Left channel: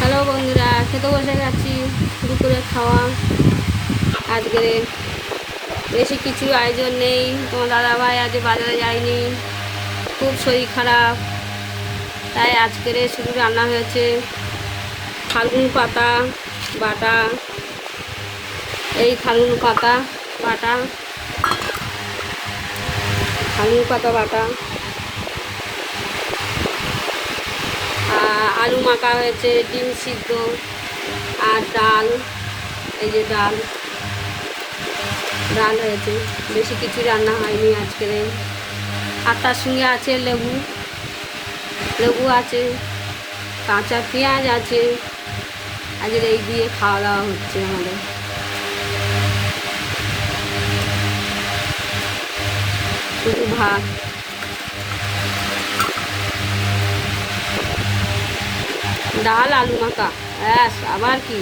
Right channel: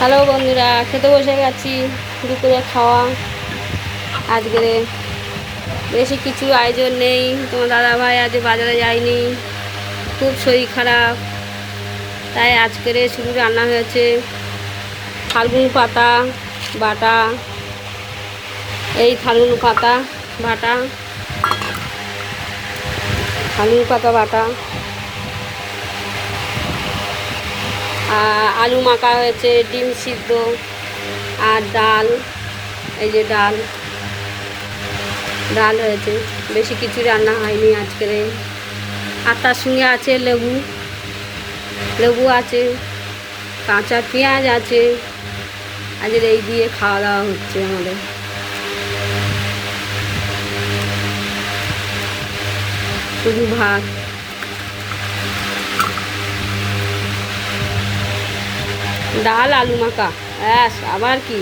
Hello বন্ধুরা, খেতে বসে গেছি। দুপুরে খাওয়া আজকে বেশি কিছু আয়োজন নেই। তোমার দাদাভাই আজ বাজারে যায়নি, খুব শরীর খারাপ, তাই আজকের শুধু রান্না হয়েছে ফাল্গুন পাতা বাটা। এই ফাল্গুন পাতা বাটা, ফাল্গুন পাতা বাটা, আলু মাখা হয়েছে, ডিম সিদ্ধ আর ডাল। এই যে ডাল ডাল হয়েছে, বেশি কিছু রান্না হয়নি আজকের। আর তার সঙ্গে আছে লেবু, লেবু আছে, কাঁচা পেঁয়াজ আছে। আজকের এই দিয়ে খাওয়া দাওয়া হচ্ছে আমাদের। শুধু ভাত, ডাল, আলু মাখা, ব্যাস। আবার কি?